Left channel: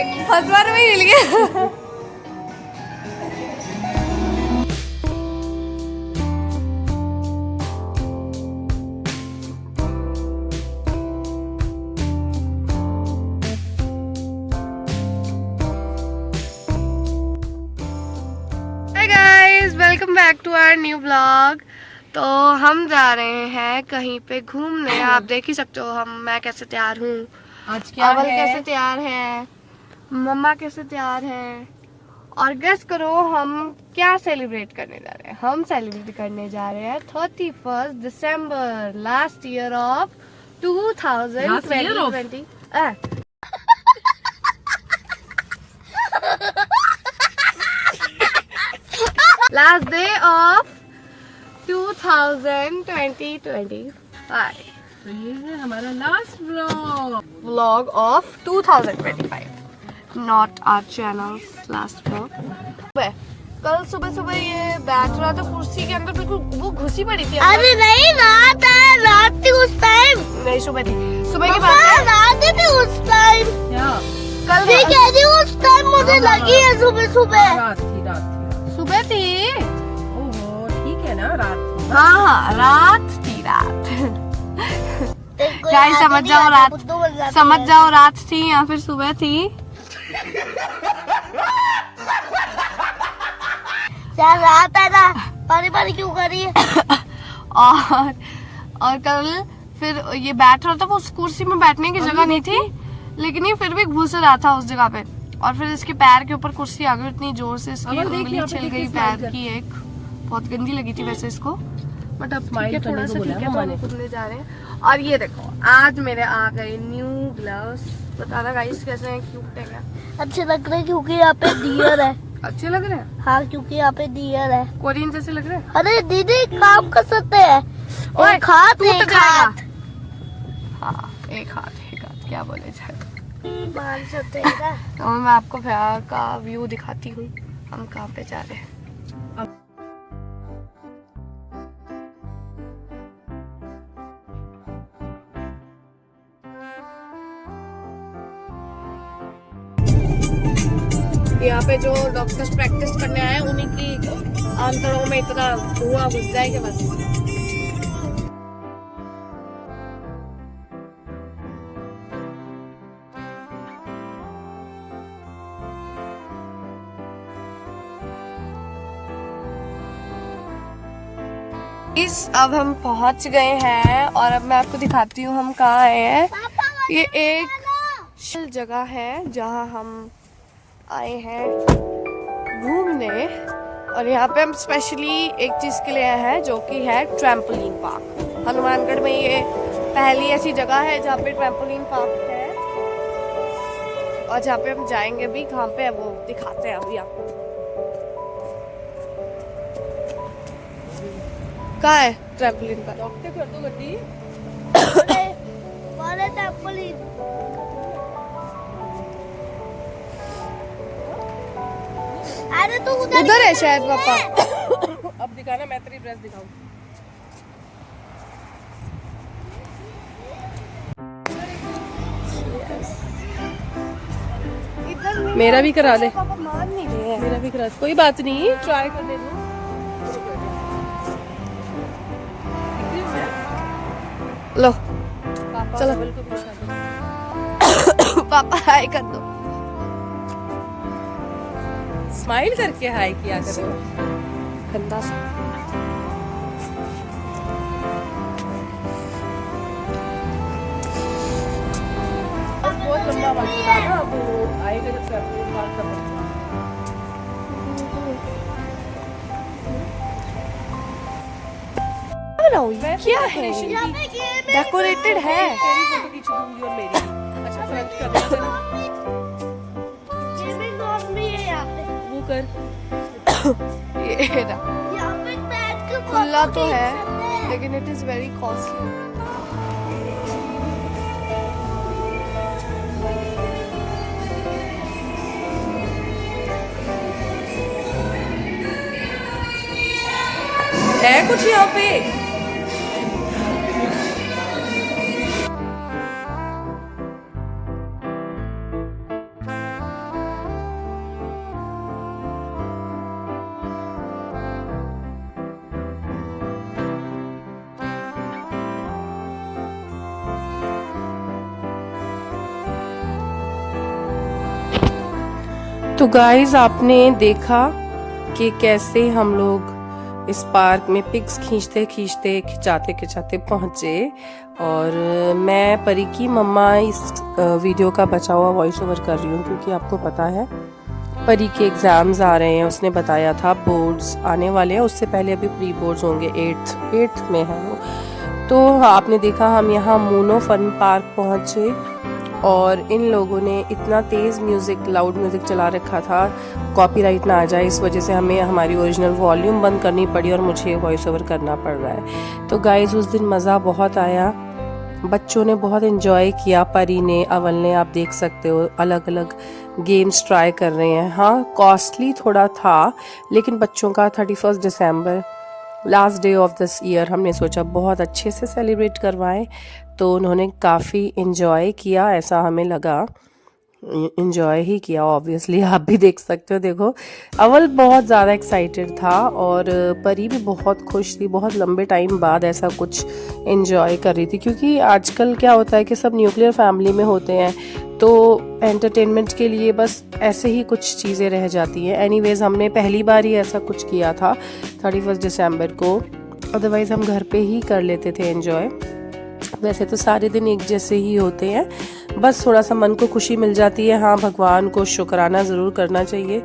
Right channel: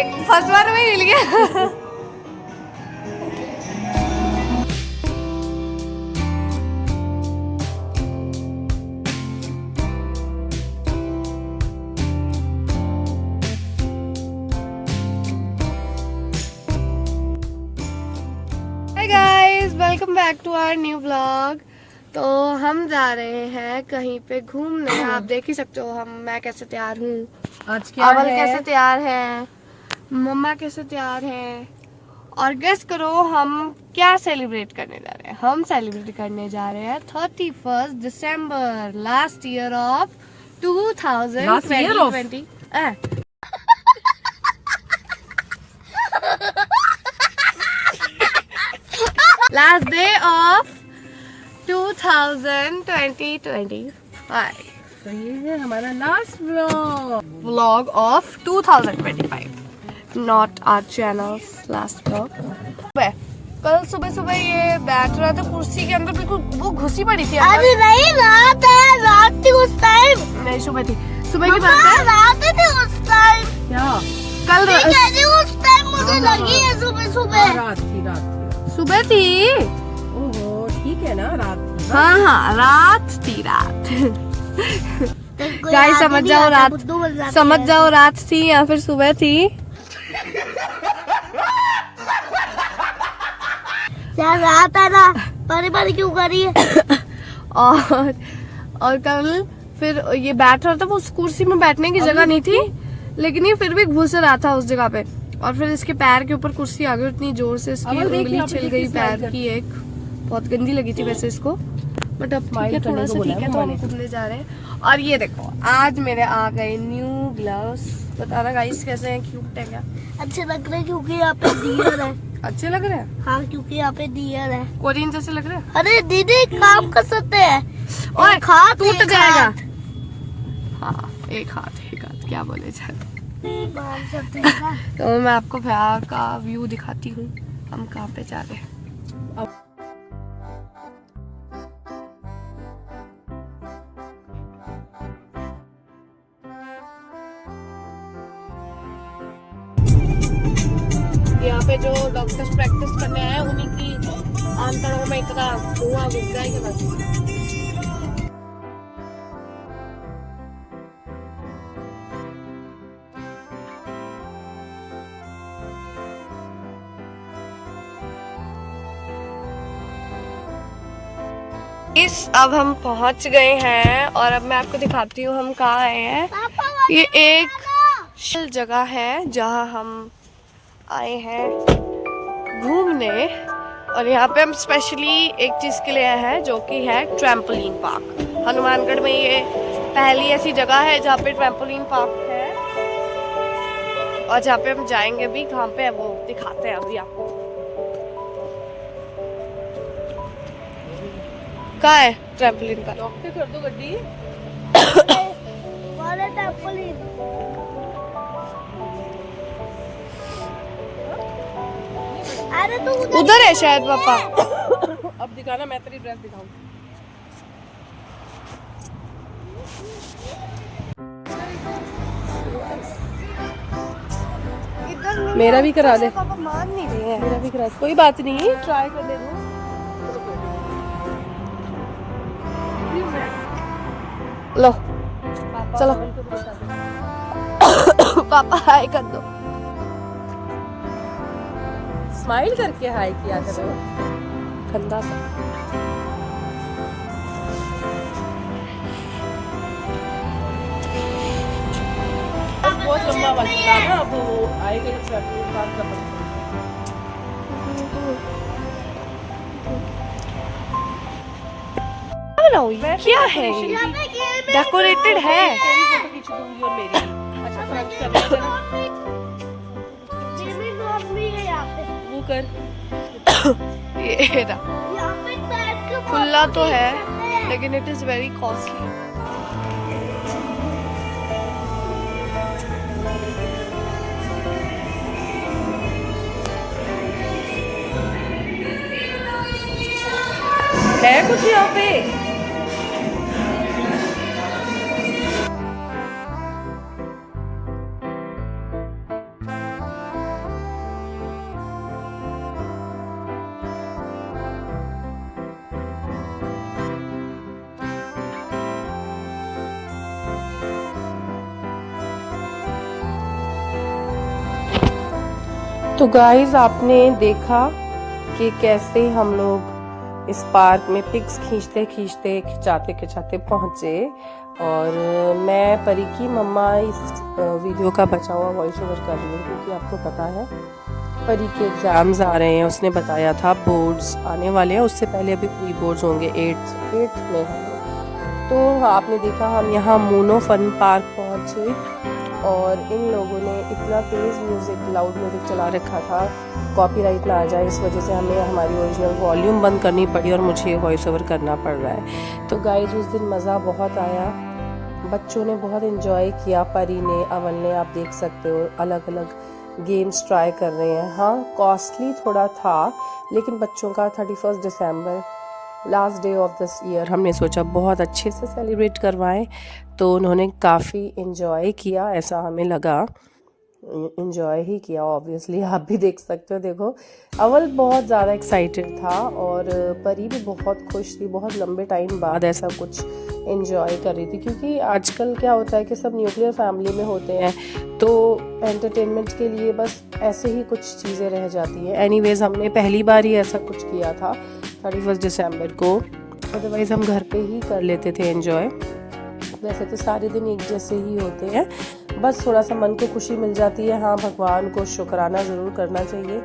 एक फर्स्ट बार में मिल गया। Hey guys, welcome back to our new vlog। तो हम जा रहे हैं कहीं पे घूमने। आप देख ही सकते हो मैं कैसे तैयार हूँ। आज क्या अवल है? कैसे तैयार है, मम्मा कैसे तैयार है, और गेस करो हम क्या सेलिब्रेट करने जा रहे हैं। हम सेलिब्रेट करने जा रहे हैं 31 दिसंबर, last year of 2020। Last day of 2025। तो ये है हमारा last vlog of 2025, not our channel's last vlog. कल सुबह सुबह ये बैठ रहा था कुर्सी के अंदर, बिल्कुल वो घुसी पड़ी थी। अरे नहीं, रात है, रात थी उस टाइम। नहीं, सुबह थी, सुबह की बात है। रात थी उस टाइम। क्या कल उस टाइम मुझे लगी है सुबह सुबह। रात थी सुबह थी। ओहो, ठीक है ना, रात थी। हाँ, रात थी, रात। गाइस समझ जाओ, रात समझ जाओ, रात थी या फिर सुबह थी। क्या रात है ना, पानी पानी क्यों कर रही है? और कल फिर ये बैठ रहा था, वो उस कुर्सी में बैठने की जगह नहीं थी, लेकिन ये फिर भी घुस रहा था उस जगह पे। और फिर इसके पैर के ऊपर कुर्सी आ गई इतनी जोर से, इसकी उंगली छिल गई पैर की। एक बहुत गंदी लगी थी वैसे इसको, बट अब ठीक है, थोड़ा सा ठीक है, तो हम कूदने जा रहे हैं। और ये देखो, आज मेरे आ गए न्यू ग्लव्स। बताना गाइस कैसे हैं, क्यूट है क्या? अच्छे लग रहे हैं क्योंकि यहाँ पे डियर है। अच्छे लग रहे हैं? हाँ, क्योंकि यहाँ पे डियर है। कोरियन जैसे लग रहे हैं। अरे दीदी, काम कर सकते हैं। ओए, हाथ टूट जाएगा। हाँ, एक हाथ क्या बोले जाए। मार सकते हैं ना। तो मैं आपको बाहर का व्यू दिखाती हूँ, हम कहाँ पे जा रहे हैं। यहाँ पे जो डॉक्टर्स प्रैक्टिस करने आए हैं, उन्हीं की आंतड़ों में इतना धुआं घुस जाए कि बस। अब हम पहुंच गए हैं और अब मैं आपको दिखाती हूँ हम कहाँ आए हैं। ये एक जगह है जहाँ हम आए हैं घूमने, और यहाँ पे हम स्पेशली एक चीज़ के लिए आए हैं जो कि है ट्रैम्पोलिन पार्क। हनुमानगढ़ में ये पहली ऐसी जगह है जहाँ पे ट्रैम्पोलिन पार्क है, और जहाँ पे हम जाएंगे भी। कहाँ पे है वो दिखाते हैं अभी आपको। कहाँ है ट्रैम्पोलिन पार्क? अरे तू उधर है शायद पापा। अब दिखाना, मैं तेरी ड्रेस दिखाऊं। मेरा भी करा दे। पापा मान नहीं रहे हैं। मेरा भी करा, कोई बात नहीं, ट्राई करने दो। लो चलो, पापा हाय कर दो। स्माइल करके हाय किया करो। गंदा सा। बहुत लंबा वक्त था ना, अब वो आएगा जब ट्रैवलिंग पार्क का बन। क्या है ये? डेकोरेटेड है। तेरी फोटो खींच दूंगी और मेरी। अच्छा, फ्रंट कर वो कर। ये खुला तो है, लेकिन इट इज वेरी कॉस्टली। है कुछ यहाँ पे? तो गाइस आपने देखा कि कैसे हम लोग इस पार्क में पिक्स खींचते खींचते खिंचाते खिंचाते पहुंचे। और मैं परी की मम्मा इस वीडियो का बचा हुआ वॉइस ओवर कर रही हूँ क्योंकि आपको पता है परी के एग्ज़ाम्स आ रहे हैं। उसने बताया था बोर्ड्स आने वाले हैं, उससे पहले अभी प्री बोर्ड्स होंगे, 8th में है वो। तो आपने देखा हम यहाँ मोनो फन पार्क पहुँचे और इन लोगों ने इतना तेज़ म्यूज़िक, लाउड म्यूज़िक चला रखा था कॉपीराइट ना आ जाए, इस वजह से हमें हमारी ओरिजिनल वॉल्यूम बंद करनी पड़ी और मुझे वॉइस ओवर करना पड़ रहा है। तो गाइस उस दिन मज़ा बहुत आया, बच्चों ने बहुत इन्जॉय किया। परी ने, अवल ने, आप देख सकते हो अलग अलग गेम्स ट्राई कर रहे हैं। हाँ कॉस्टली थोड़ा था लेकिन बच्चों का 31 दिसंबर last day of this year हमने सोचा बहुत अच्छे से सेलिब्रेट करवाएं, तो उन्होंने काफ़ी इन्जॉय किया, ऐसा हमें लगा। इन्जॉय ही किया ऑब्वियसली, आप भी देख सकते हो। देखो अवल बहुत ज़्यादा एक्साइटेड था और परी भी बहुत खुश थी, बहुत लंबे टाइम बाद ऐसा कुछ इन्जॉय कर रही थी। क्योंकि आजकल क्या होता है कि सब न्यूक्लियर फैमिली में होते हैं तो एंटरटेनमेंट के लिए बस ऐसे ही कुछ चीज़ें रह जाती हैं। एनीवेज हमने पहली बार ही ऐसा कुछ किया था 31 दिसंबर को, अदरवाइज़ हम घर पे ही कर लेते थे एंजॉय। वैसे तो सारे दिन एक जैसे ही होते हैं, बस थोड़ा सा मन को खुशी मिल जाती है। हाँ भगवान को शुक्राना ज़रूर करना चाहिए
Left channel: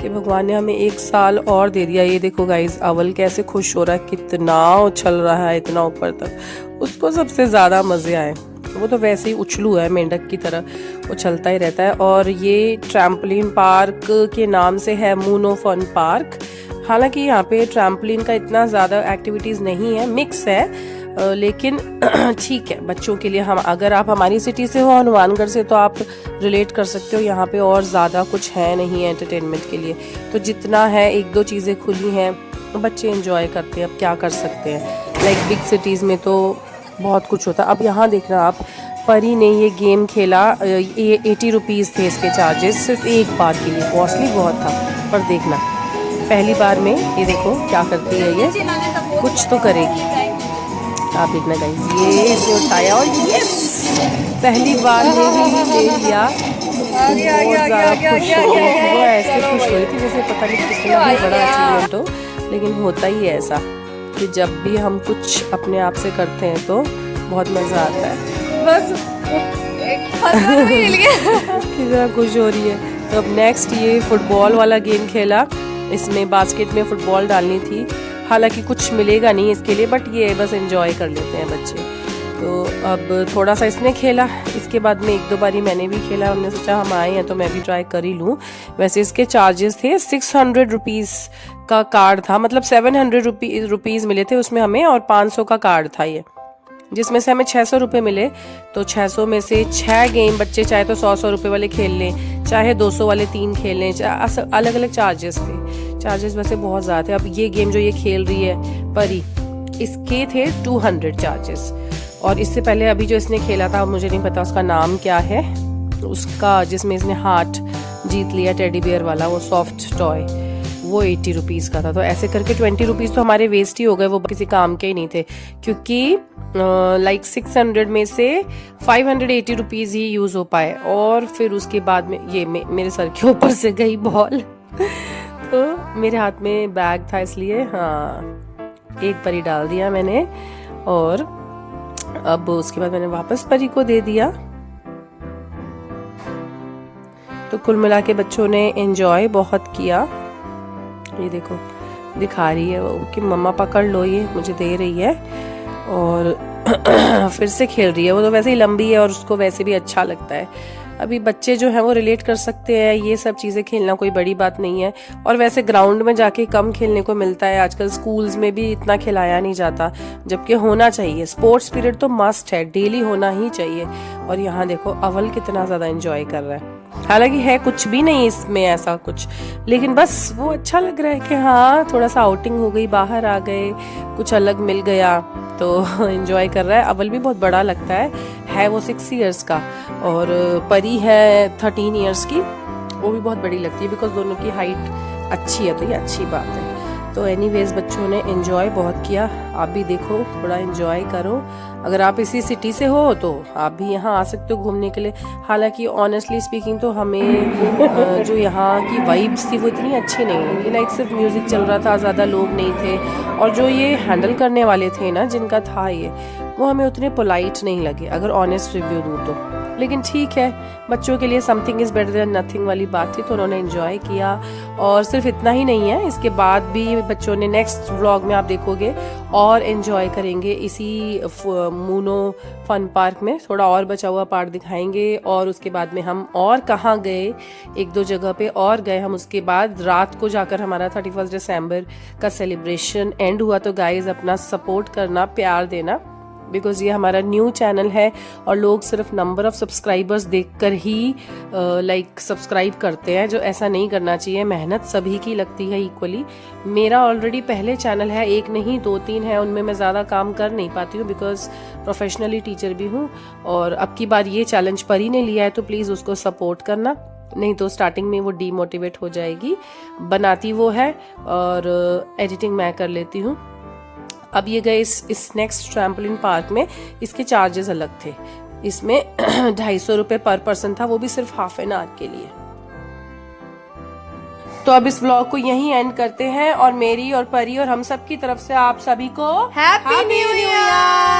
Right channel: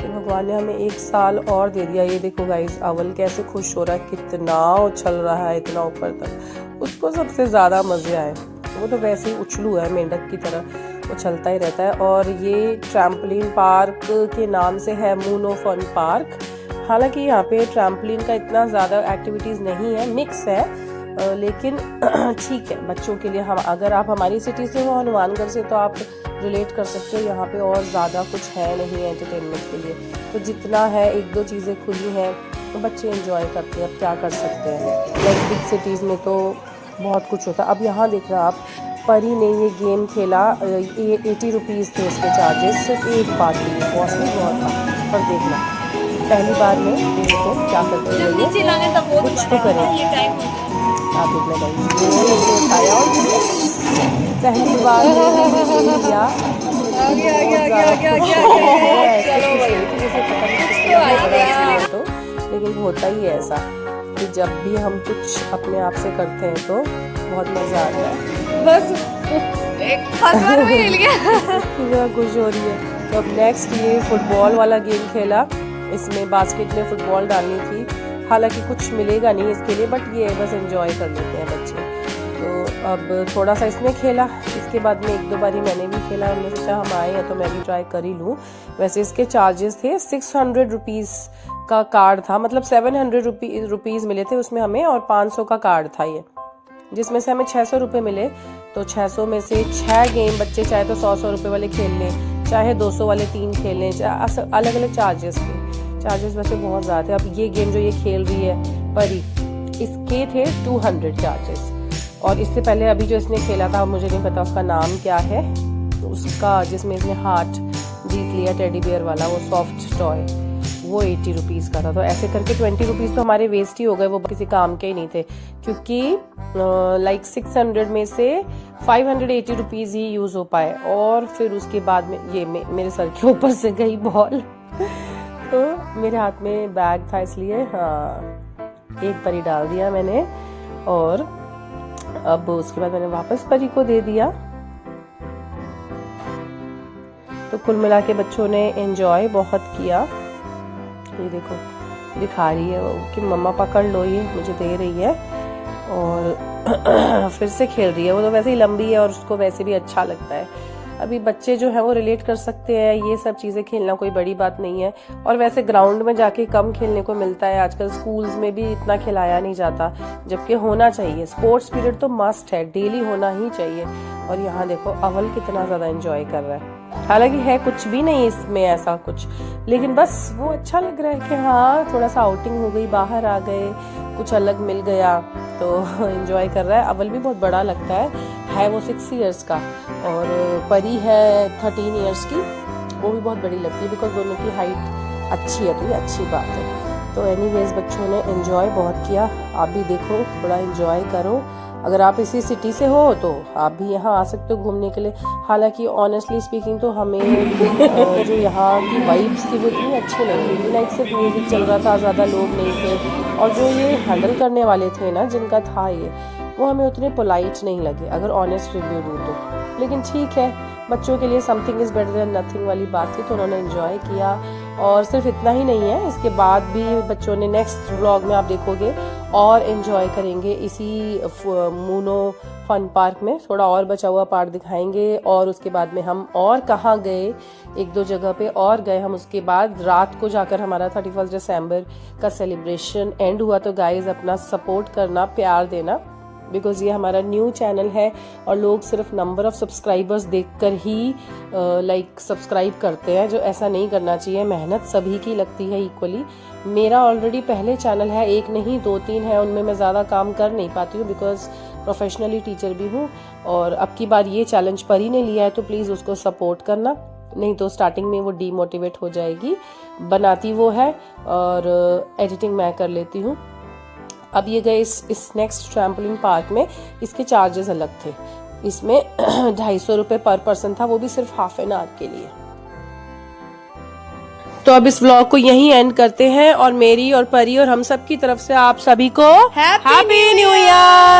कि भगवान ने हमें 1 साल और दे दिया। ये देखो गाइस अवल कैसे खुश हो रहा है, कितना उछल रहा है इतना ऊपर तक, उसको सबसे ज़्यादा मज़े आए। वो तो वैसे ही उछलू है, मेंढक की तरह उछलता ही रहता है। और ये ट्रैम्पोलिन पार्क के नाम से है मोनो फन पार्क। हालांकि यहाँ पे ट्रैम्पोलिन का इतना ज़्यादा एक्टिविटीज़ नहीं है, मिक्स है, लेकिन ठीक है बच्चों के लिए। हम अगर आप हमारी सिटी से हो, हनुमानगढ़ से, तो आप रिलेट कर सकते हो। यहाँ पे और ज़्यादा कुछ है नहीं एंटरटेनमेंट के लिए, तो जितना है 1-2 चीज़ें खुली हैं, बच्चे एंजॉय करते हैं। अब क्या कर सकते हैं, लाइक बिग सिटीज़ में तो बहुत कुछ होता है। अब यहाँ देखना आप, परी ने ये गेम खेला, ये 80 रुपीज़ थे इसके चार्जेस, सिर्फ एक बार के लिए, कॉस्टली बहुत था। पर देखना पहली बार में ये देखो क्या करती है, ये कुछ तो करेगी, आप देखना गाइस। ये इसको उठाया और यस पहली बार में लिया, आ गया चलो जैसे पता नहीं किसने तो, लेकिन होता ही है ऐसा कि जब भी हम कुछ अपने आप से करते हैं तो बहुत मज़ा आता है। बस एक फल मिल गया कितना खुश हो रही है। तो अब नेक्स्ट ये फुटबॉल वाला गेम खेला, इसमें बास्केट में फुटबॉल डालनी थी। हालांकि कुछ मिलेगा नहीं इसके लिए, बट ये बस एंजॉय कर लेते हैं बच्चे। तो अब थोड़ा सा इसने खेला, इसके बाद में 1-2 बारी मैंने भी खेला। हमने सोचा हम आए हैं तो मैं भी ट्राई कर ही लूँ। वैसे इसके चार्जेस थे 600 रुपीज़ का कार्ड था, मतलब 700 रुपीज़ मिले थे उसमें हमें, और 500 का कार्ड था ये, जिसमें से हमें 600 रुपये मिले। तो 600 में से 6 गेम बच्चे चाहे तो 100 रुपये वाले खेल लें, चाहे 200 वाले 3 खेल लें, अलग अलग चार्जेस थे। चार्जेस वैसे बहुत ज़्यादा थे। अब ये गेम जो ये खेल रही है परी, इसके थे 200 चार्जेस। और इससे पहले अभी जो इसने खेला था, मुझे नहीं पता उसका नाम क्या है, उसका जिसमें इसने हार्ट जीत लिया टेडी बियर वाला, वो सॉफ्ट टॉय, वो 80 रुपीज़ का था। तो ऐसे करके 20 रुपीज़ तो हमारे वेस्ट ही हो गए, वो किसी काम के ही नहीं थे। क्योंकि लाइक 600 में से 580 रुपीज़ ही यूज़ हो पाए। और फिर उसके बाद में ये मेरे सर के ऊपर से गई बॉल तो मेरे हाथ में बैग था इसलिए हाँ एक परी डाल दिया मैंने, और अब उसके बाद मैंने वापस परी को दे दिया। तो कुल मिला के बच्चों ने एंजॉय बहुत किया। ये देखो दिखा रही है वो कि मम्मा पकड़ लो, ये मुझे दे रही है और फिर से खेल रही है। वो तो वैसे ही लंबी है और उसको वैसे भी अच्छा लगता है। अभी बच्चे जो हैं वो रिलेट कर सकते हैं, ये सब चीज़ें खेलना कोई बड़ी बात नहीं है। और वैसे ग्राउंड में जाके कम खेलने को मिलता है, आजकल स्कूल्स में भी इतना खिलाया नहीं जाता, जबकि होना चाहिए। स्पोर्ट्स पीरियड तो मस्ट है, डेली होना ही चाहिए। और यहाँ देखो अवल कितना ज़्यादा एंजॉय कर रहा है। हालांकि है कुछ भी नहीं इसमें ऐसा कुछ, लेकिन बस वो अच्छा लग रहा है कि हाँ थोड़ा सा आउटिंग हो गई, बाहर आ गए, कुछ अलग मिल गया, तो एंजॉय कर रहा है। अवल भी बहुत बड़ा लगता है वो 6 इयर्स का, और परी है 13 इयर्स की, वो भी बहुत बड़ी लगती है बिकॉज दोनों की हाइट अच्छी है, तो ये अच्छी बात है। तो एनीवेज बच्चों ने एंजॉय बहुत किया, आप भी देखो थोड़ा एंजॉय करो। अगर आप इसी सिटी से हो तो आप भी यहाँ आ सकते हो घूमने के लिए। हालांकि ऑनेस्टली स्पीकिंग तो हमें जो यहाँ की वाइब्स थी वो इतनी अच्छी नहीं लगी। लाइक सिर्फ म्यूजिक चल रहा था, ज़्यादा लोग नहीं थे, और जो ये हैंडल करने वाले थे ना, जिनका था ये, वो हमें उतने पोलाइट नहीं लगे अगर ऑनेस्ट रिव्यू दूँ तो। लेकिन ठीक है, बच्चों के लिए something is better than nothing वाली बात थी, तो उन्होंने एंजॉय किया। और सिर्फ इतना ही नहीं है, इसके बाद भी बच्चों ने नेक्स्ट व्लॉग में आप देखोगे और एंजॉय करेंगे इसी मूनो फन पार्क में। थोड़ा और बचा हुआ पार्क दिखाएंगे, और उसके बाद में हम और कहाँ गए, एक दो जगह पे और गए हम। उसके बाद रात को जाकर हमारा 31 दिसंबर का सेलिब्रेशन एंड हुआ। तो गाइज अपना सपोर्ट करना, प्यार देना, बिकॉज ये हमारा न्यू चैनल है और लोग सिर्फ नंबर ऑफ सब्सक्राइबर्स देखकर ही लाइक सब्सक्राइब करते हैं, जो ऐसा नहीं करना चाहिए। मेहनत सभी की लगती है इक्वली। मेरा ऑलरेडी पहले चैनल है, एक नहीं 2-3 है, उनमें मैं ज़्यादा काम कर नहीं पाती हूँ बिकॉज प्रोफेशनली टीचर भी हूँ। और अब की बार ये चैलेंज परी ने लिया है, तो प्लीज़ उसको सपोर्ट करना, नहीं तो स्टार्टिंग में वो डीमोटिवेट हो जाएगी। बनाती वो है और एडिटिंग मैं कर लेती हूँ। अब ये गए इस नेक्स्ट ट्रैम्पोलिन पार्क में, इसके चार्जेस अलग थे। इसमें 250 रुपये पर पर्सन था, वो भी सिर्फ हाफ एन आवर के लिए। तो अब इस व्लॉग को यहीं एंड करते हैं, और मेरी और परी और हम सब की तरफ से आप सभी को हैप्पी न्यू ईयर।